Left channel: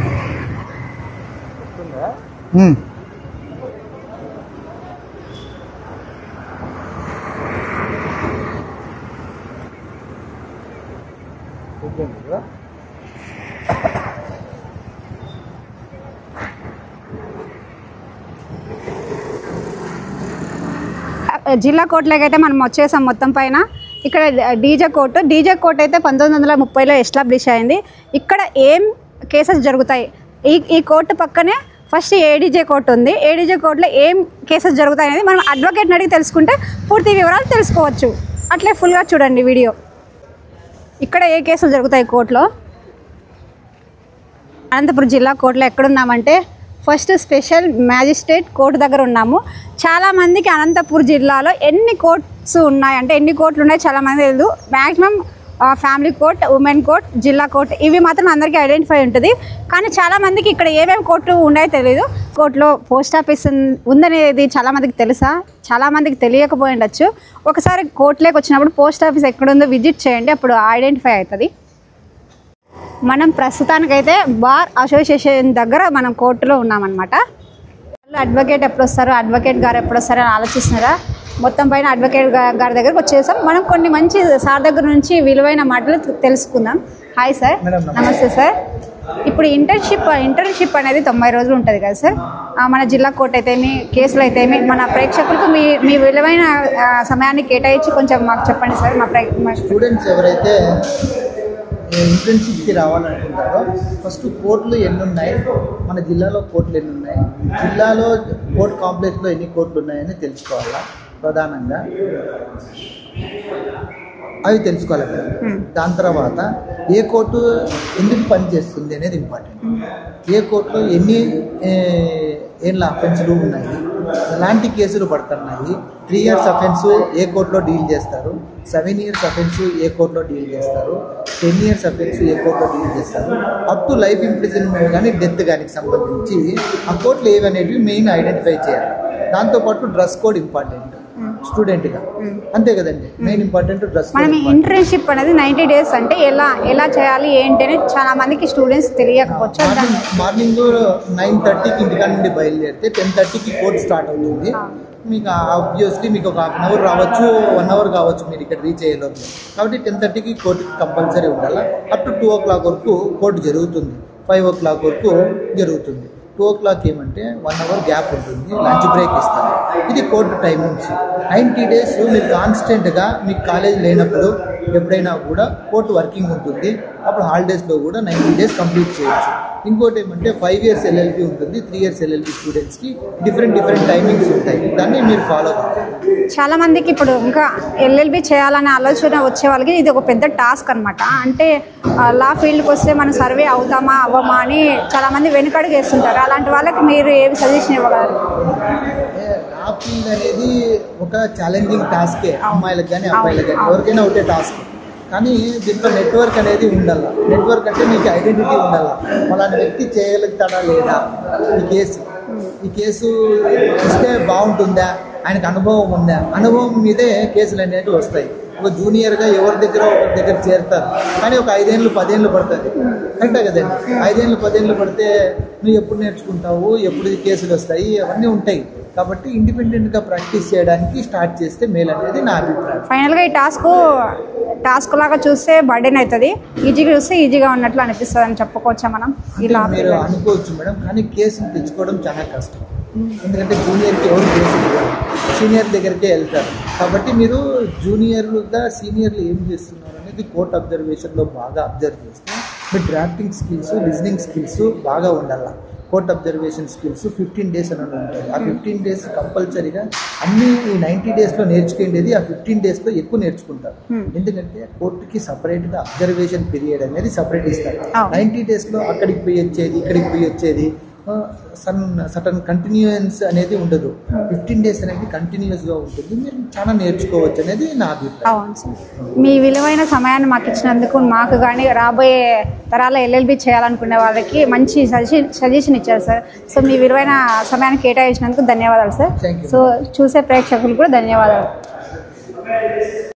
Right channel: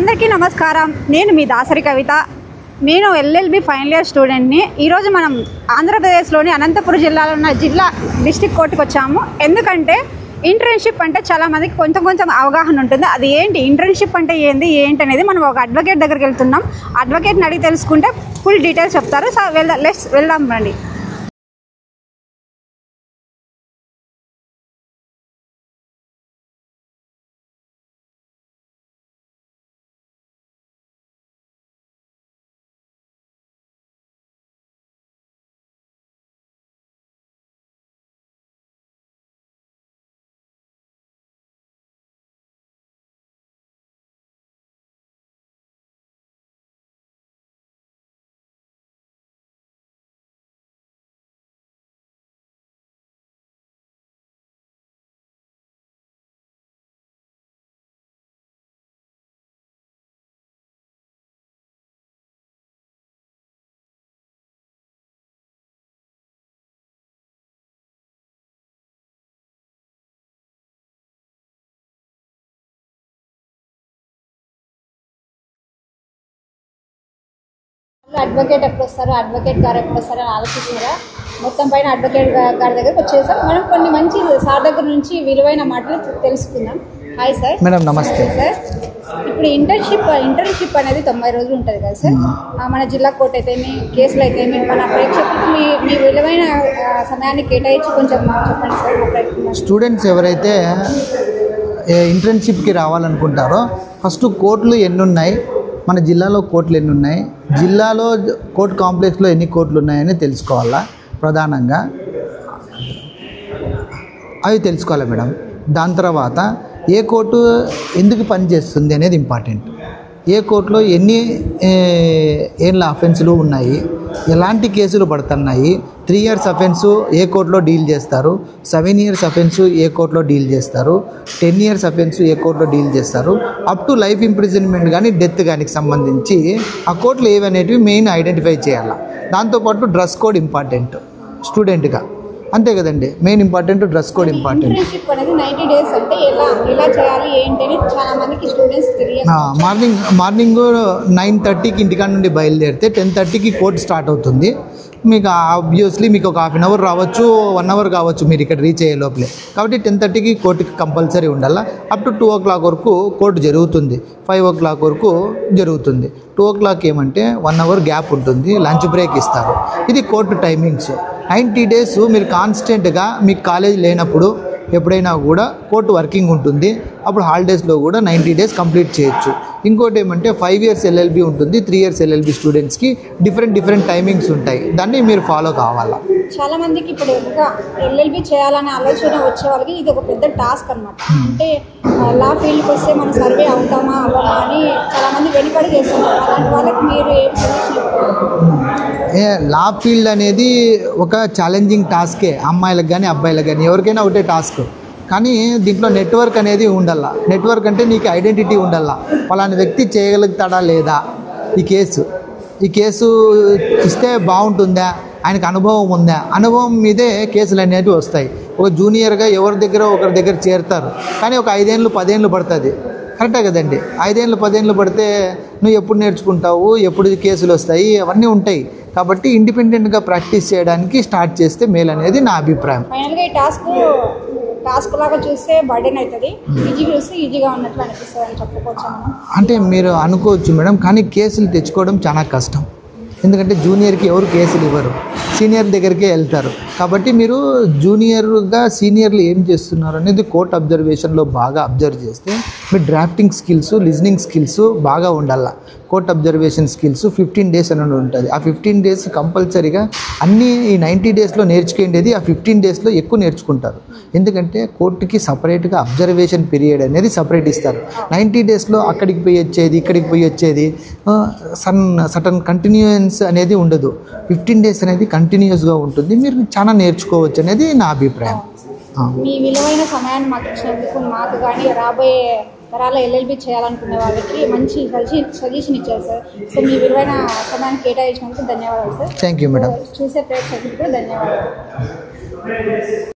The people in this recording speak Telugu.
అందరికీ నమస్కారం. నేను మీ దాసరి కవిత. నేను ఎల్ఎల్బి ఫైనల్ ఇయర్ స్టూడెంట్ని. ఈరోజు మనం ఆంధ్రప్రదేశ్లోని అనంతపురం జిల్లాలో ఉన్న జిల్లా డిస్ట్రిక్ట్ కోర్టుకు వచ్చాము. ఎందుకంటే ఇంటర్న్షిప్ అంటే చాలామందికి కొంచెం అవగాహన ఉంటుంది. అది ఏంటి, ఇంటర్న్షిప్ అంటే ఏంటి అనేది మనం ఒక అడ్వకేట్ దగ్గరికి వెళ్తున్నాం. అడ్వకేట్ని అడిగి తెలుసుకుంటే ఫుల్ డీటెయిల్స్ చెప్తారు. సో వెళ్దాం రండి. జిల్లా కోర్టులోకి అయితే మనం వచ్చేసాం. మొత్తం పైన ఇక్కడ డీజే కోర్టు అయితే 1930లో ఎస్టాబ్లిష్ అయింది. ఇక్కడ ఏం కేసెస్ జరుగుతాయి, ఈ కోర్టు పక్కనే ఫస్ట్ ఏడీజే కోర్టు ఉంది. ఏడీజే కోర్టులో ఏం కేసెస్ జరుగుతాయి అనేది మనం అడ్వకేట్ని అడిగి తెలుసుకుంటే పూర్తి వివరాలు తెలుసుకోవచ్చు. అట్లే ఫుల్గా చూడండి వీడియో. ఇక్కడ ఏ కేసులు జరుగుతాయి కోర్టులో. అనంతపురం జిల్లా కోర్టులో ఎక్కడున్నామంటే ఫస్ట్ స్పెషల్ మ్యాజిస్ట్రేట్ కోర్టు దగ్గర ఉన్నాము. చాలామందికి అనంతపురం జిల్లాలో ఎన్ని కోర్ట్స్ ఉన్నాయంటే ఎన్ని కోర్టులు ఉన్నాయి చాలామంది తెలియదు. Maximum family court, women court, జిల్లా కోర్ట్ ఇవి మాత్రం అందరికీ ఐడెంటిఫై ఉంటుంది. కానీ చాలామందికి ఇక్కడ ఏమేమి కోర్టు ఉన్నాయో తెలియదు. కోర్టులో పోస్ట్ ఆఫీస్ ఉందనేది చాలామందికి తెలుసా, చాలామందికి తెలియకపోయి ఉండొచ్చు. ఒకసారి కోర్టులోకి వచ్చినప్పుడు పోస్ట్ ఆఫీస్ ఎక్కడుందో విజిట్ చేయండి, అప్పుడు ఐడెంటిఫై అవుతుంది. మనం ప్రస్తుతానికైతే బార్ అసోసియేషన్ దగ్గర మనం కోర్టులో ఉన్నామన్నమాట. అడ్వకేట్ ఎప్పుడు వస్తారు, అడ్వకేట్ గారు ఎప్పుడు వస్తారో అని ఆలోచిస్తున్నారా? మొత్తం పైన అడ్వకేట్ గారి దగ్గరకు వచ్చేసాం. మనం కొన్ని మంచి సార్ దగ్గర నుంచి విలువైన మాటలు తెలుసుకుందాం. Hi sir. మేడం నమస్తే సార్. ఇప్పుడు ఇంటర్న్షిప్ అనేది 90 రోజులు ఉంటుంది కదా సార్. మన జిల్లా కోర్టు అయితేమి, కేసులు అయితేమి, మన ప్రేక్షకులకు మీ విలువైన సమయాన్ని కేటాయించి కొంచెం మాకు చెప్పండి సార్. మా స్టూడెంట్స్ ఎవరైతే ఇంటర్న్షిప్కి రావాలనుకుంటారో ఫస్ట్ కోర్టులు ఎన్ని ఉన్నాయి, మన జిల్లాలో కోర్టులు ఎన్ని ఉన్నాయి, జిల్లాలో కోర్టు కాంప్లెక్స్లో ఎన్ని కోర్టులు ఉన్నాయని తెలుసుకోవాలా. ప్రధానంగా అవి తెలుసుకోవాలి మేడం. దాని తర్వాత ఏ కోర్టు ఎందుకు పనిచేస్తుంది అనేది ఇంపార్టెంట్. ఏ కోర్టులో ఎన్ని ఏళ్ళ అఫెన్సులు ఉన్నాయి, ఎలాంటి కేసులు పడుతున్నాయి, 3 years అఫెన్సు ఏ కోర్టులో డీల్ చేస్తారు, 7 years అఫెన్సు ఏ కోర్టులో డీల్ చేస్తారు, 10 years అఫెన్సు ఏ కోర్టులో డీల్ చేస్తారు, అప్ టు లైఫ్ ఇంప్రిజన్మెంట్ కానీ డెత్ కానీ సంబంధించి ఆ కోర్టులు ఏవి అనేటివి మెయిన్ ఐడెంటిఫై చేయాలి. దాంతోపాటు డ్రెస్ కోడ్ ఇంపార్టెంట్ స్టూడెంట్గా, అంతే కదండి. Main important dress code important. Internship అనేది 90 days అంటే ఎలా చేయాలి ఏంటి అని చాలా మందికి స్టూడెంట్స్ తెలియకపోవచ్చు. మార్నింగ్ 9:30కి ఇంటికాడ నుండి బయలుదేరితే 10:30కి కోర్టు స్టార్ట్ అవుతుంది. మీకు ఆబ్వియస్లీ మీకు ఒక 1/2 hour రావచ్చు, 1 hour కావచ్చు మీరు ఇక్కడ రీచ్ అయ్యే లోపలే. కాబట్టి 10:30కి కోర్టుకి కంపల్సరీ ఉండాలి. అప్ టు 2 o'clock వరకు కోర్టు జరుగుతుంది, 5 o'clock వరకు జరుగుతుంది. 2 o'clock ఏమంటే 1 hour గ్యాప్ ఉంటుంది, లంచ్ బ్రేక్ ఇస్తారు. ఇది కోర్టు టైమింగ్స్. 90 days మీరు కాన్స్టెంట్గా మీకు కాలేజ్ లేనప్పుడు ఎప్పుడైనా కూడా కోర్టు వర్కింగ్ ఉంటుంది. అప్పుడు హాలిడేస్లో కూడా 90 days కంప్లీట్ చేయొచ్చు. ఇంకోటి ఏమంటే 5 years ఎల్ఎల్బి ఉంటుంది, 3 years ఎల్ఎల్బి స్టూడెంట్స్కి డిఫరెంట్ టైమింగ్స్ ఉంటాయి. దాన్ని మీరు ఫాలో కావాలా. చాలా మందికి ఇప్పుడు ఇంకా ఎల్ఎల్బి చేయాలనే ఆలోచన వచ్చే వాళ్ళకి ఇది ఒక పెద్ద టాస్క్ అనమాట. అంటే లా ఫీల్డ్కి వస్తే మనం సర్వే అవుతామా అవ్వమా అని చాలామంది వెనుకడుగు వేస్తుంటారు. అలాంటి వాళ్ళకి మీరు ఏం సజెషన్ ఇవ్వగలరు? లా ఫీల్డ్ అనేది ఒక ఛాలెంజింగ్ టాస్కే, అమ్మాయిలకు కానీ అబ్బాయిలకు కానీ ఎవరికైనా ఒకటే టాస్క్. కానీ దీంట్లో నెట్వర్క్ అనేది ఉండాల. నెట్వర్క్ అంటే నీకు ఐడెంటిటీ ఉండాల. అలాంటి వ్యక్తి చేయగలుగుతాడా లేదా, ఈ కేసు ఇస్తే బాగుంటుందా, ఆయనకు అనుభవం ఉందా, అనుభవం మీదే కేసులు అనేవి వస్తాయి. ఒక జూనియర్గా ఒకరి దగ్గర చేరుతారు. కానీ ఒక 5 ఏళ్ళు 10 ఏళ్ళు పడుతుంది. కరెక్టే కదండి. 5 ఏళ్ళు 10 ఏళ్ళు పడితే నువ్వు ఎప్పుడు నేర్చుకుంటావు, ఎప్పుడు కేసులు వస్తాయి, అవన్నీ ఉంటాయి. కాబట్టి ఇండిపెండెంట్గా ప్రాక్టీస్ చేయడానికి స్టార్ట్ చేస్తే మేలు అనేది నా అభిప్రాయం. ఫైనల్గా ఈ టాస్క్ లాగా చూస్తే బర్డెన్ అవుతుంది, ఈజీగా చూస్తే ఈజీగా ఉన్నట్లు అనిపిస్తుంది అని చెప్పుకోవచ్చా మనం? అంటే మీరు అనుకోవచ్చు మేడం, కానీ కేసులు తెచ్చుకోవడం చాలా కష్టం. ఎందుకంటే జూనియర్కి ఎవరు కేసులు ఇవ్వరు, సీనియర్ దగ్గరికే వెళ్తారు. కాబట్టి మీరు జూనియర్గా సీనియర్లు ఏం చేస్తున్నారు అనేది కోర్ట్ అబ్జర్వేషన్లో బాగా అబ్జర్వ్ చేస్తే మీ డ్రాఫ్టింగ్ స్కిల్స్, లిజనింగ్ స్కిల్స్ బాగా ఉండాలి. కోర్ట్ అబ్జర్వేషన్ స్కిల్స్ 15 days అని ఉంటుంది. ఆ 15 days కంపల్సరీగా అన్నీ ఈ 90 daysలో నేర్చుకునేది ఆ 15 daysలో ఎక్కువ నేర్చుకుంటారు. ఎందుకంటే కోర్టుకి సపరేట్గా అబ్జర్వేషన్ పీరియడ్ అనేది సపరేట్ ఇస్తారు. 90 daysలో అక్కడికి పోయి వచ్చేది, ఇక్కడికి పోయి వచ్చేది, సటన్ కంటిన్యూయన్స్ అనేది ఉండదు. 15 days అనేది కంటిన్యూస్గా ఉంటుంది. మీరు చాలా నేర్చుకోవచ్చు అనేది నా అభిప్రాయం. మీ విలువైన సమయాన్ని మాకు ఇచ్చినందుకు, మాకు కానీ రాబోయే తరాల ఎల్ఎల్బి చేయాలనుకునే వాళ్ళకి మంచి సజెషన్ ఇచ్చారు సార్. సో మీ విలువైన సమయాన్ని కేటాయించినందుకు ధన్యవాదాలు సార్. Thank you. సో చూసే ప్రేక్షకులు కూడా ధన్యవాదాలు.